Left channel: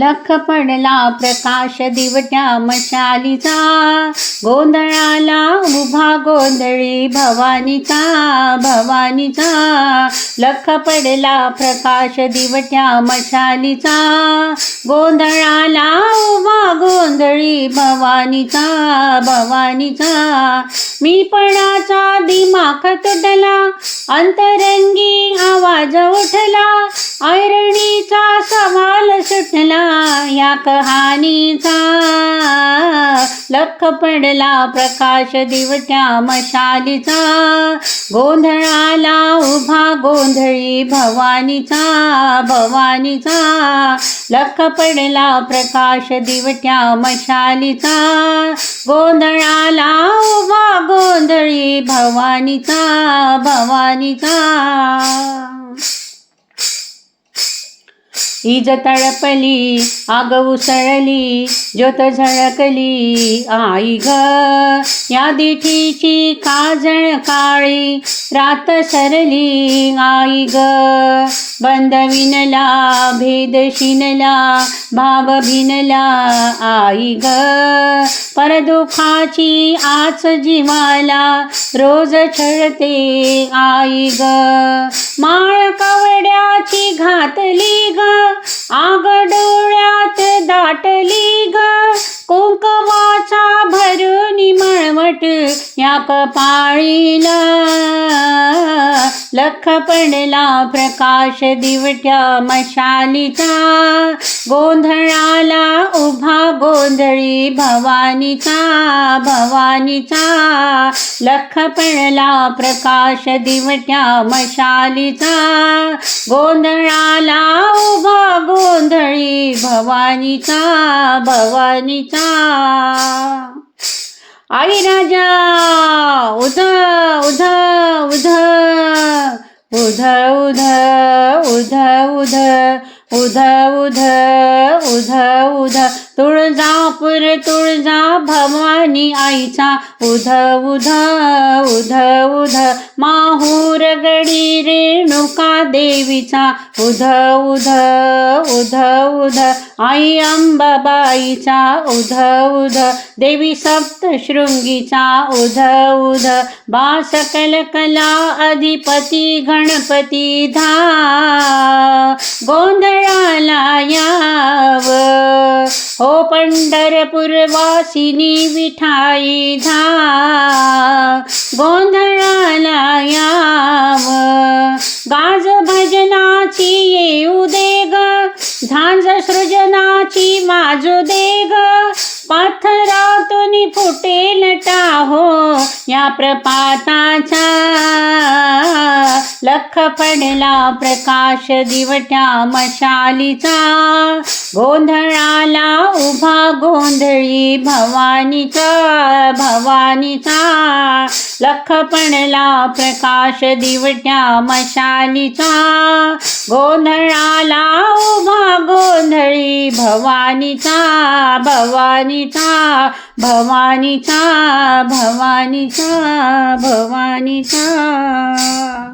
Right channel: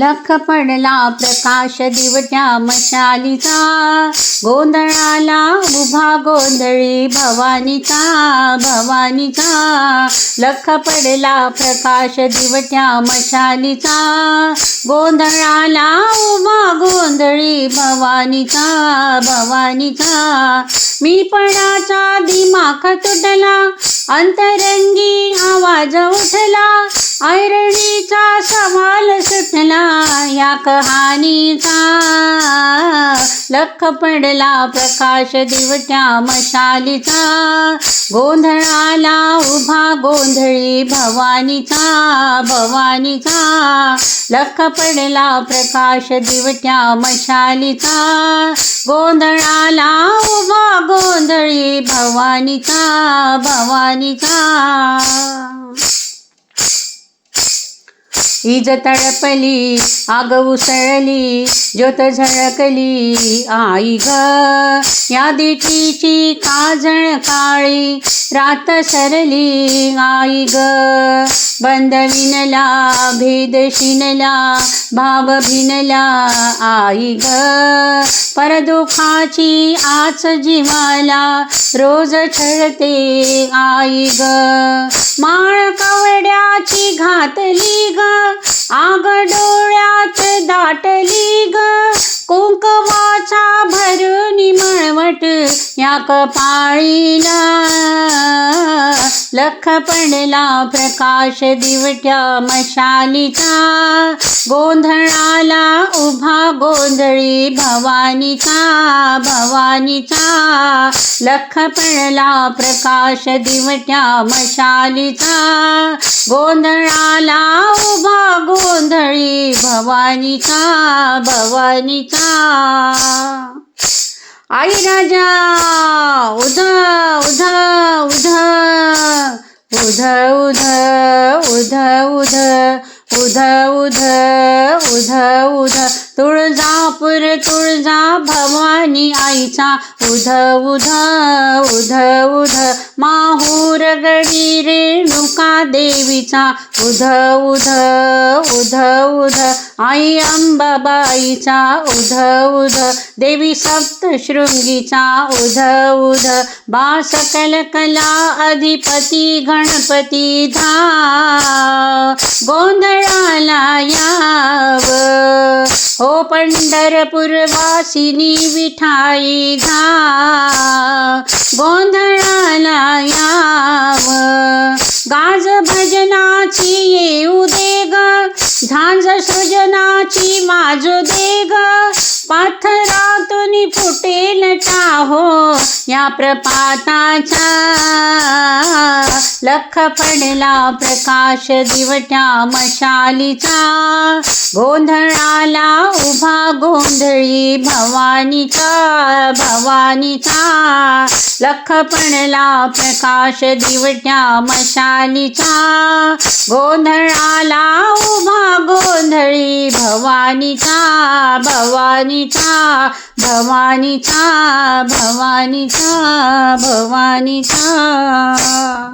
लख पडला प्रकाश दिवट्या मशालीचा गोंधळाला उभा गोंधळी भवानीचा भवानीचा लख पडला प्रकाश दिवट्या मशालीचा गोंधळाला उभा गोंधळी भवानीचा भवानीचा मी पणाचा दिमाख तुटला अंतरंगी आवाज उठला ऐरणीचा सवाल सुटला या कहाणीचा लख पडला प्रकाश दिवट्या मशालीचा गोंधळाला उभा गोंधळी भवानीचा भवानीचा लख पडला प्रकाश दिवट्या मशालीचा गोंधळाला उभा गोंधळी भवानीचा भवानीचा इज तळपली आग उसळली ज्योत झळकली आई ग या दिठीची काजळ काळी रात सरली आई ग बंद विनला भेद शिनला भाव भिनला आई ग परदुखाची आच जिवाला रोज छळते आई ग माळ कवड्याची घातली ग या कपाळीला लख पडला प्रकाश दिवट्या मशालीचा गोंधळाला उभा गोंधळी भवानीचा भवानीचा लख पडला प्रकाश दिवट्या मशालीचा गोंधळाला उभा गोंधळी भवानीचा भवानीचा आई राजा उध उध उध उध उध उध उध उध तुळजापूर तुळजा भवानी आईचा उध उध उध उध माहूर देवीचा उध उध उध उध आई अंबाबाईचा उध उध देवी सप्तशृंगीचा उध उध बास कल अधिपती गणपती धा गोंधळाला याव हो पंढरपूर वासिनी विठाई धा गोंधळ लाजो दे पाथरातून लटा हो या प्रपाताचा लख पडला प्रकाश दिवट्या मशालीचा गोंधळाला उभा गोंधळी भवानीचा भवानीचा लख पडला प्रकाश दिवट्या मशालीचा गोंधळा भवानीचा भवानीचा भवानीचा भवानीचा भवानीचा